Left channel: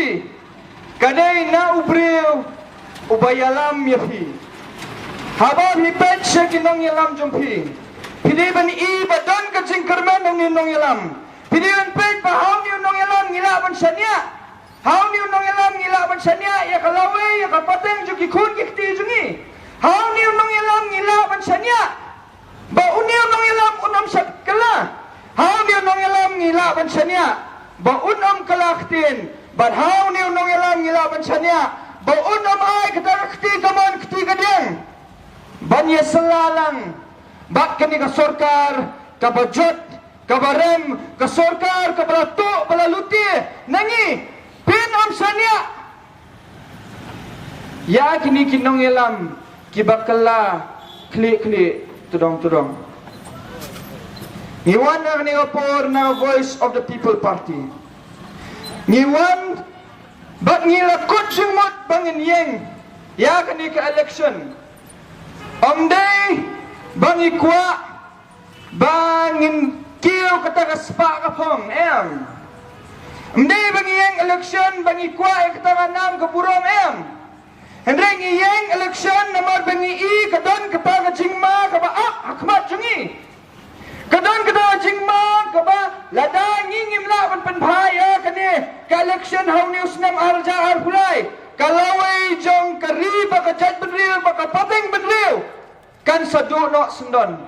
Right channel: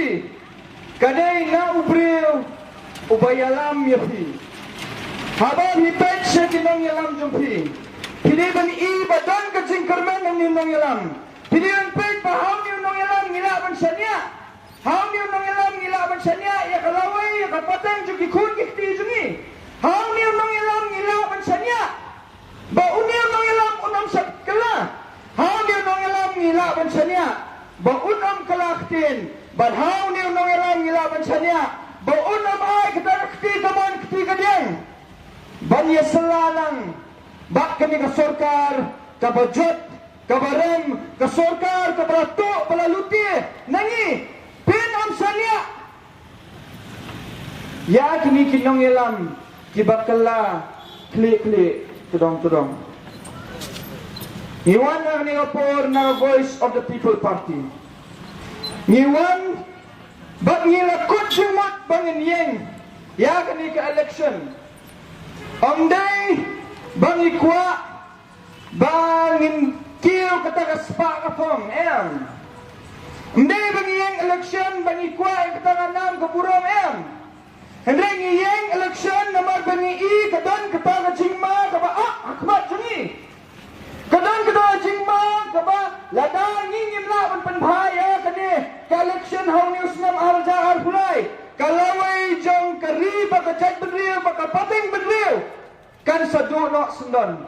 si kadai na ubreu ubayalam yafi haba mi pet sekinong yalam jumpi piliban I badon ka jingkerman nong yalam piliban pet paham ni nong yalam ngilaban sanya hau ni nong yalam ngilaban sanya ya kalawe ya kapateng juki kun kikti jungi hau ni nong yalam ngilaban sanya ba uniu nong yalam unam sabkala hau ni nong yalam ngilaban sanya ba unam kalaktin ba hau ni nong yalam ngilaban sanya ba unam ay katakti kaman kti kadeng banya selalang bak kami ka sorkar ka bajot ka barem ka sorkar ka balato balaluti nangi pin am sanya ya kini kinong yalam kibakala kli tudong Iwan na ningapor na Voice of the People Party Iwan bak nilakot sumot bangin yeng ya kini ka election Omday bangi kwa bangin kiyo kataga spa ka pong Omday bangi yang election bangi kwa kataga nam kapurong Hendray ngiyeng election namar bangi I kadon kataga jingma kaba hakmat jungi kadon kataga jingma kaba lada ngingim laban panbhaya kani ka election how news nam arja arhulay kalaway jong kariba ka chat bedriw baka pateng bedriw kan saduno sendon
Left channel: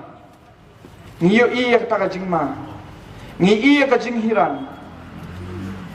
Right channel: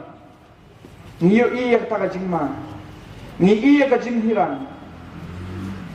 ngiyo iya kata jingma ngi iya ka jinghiran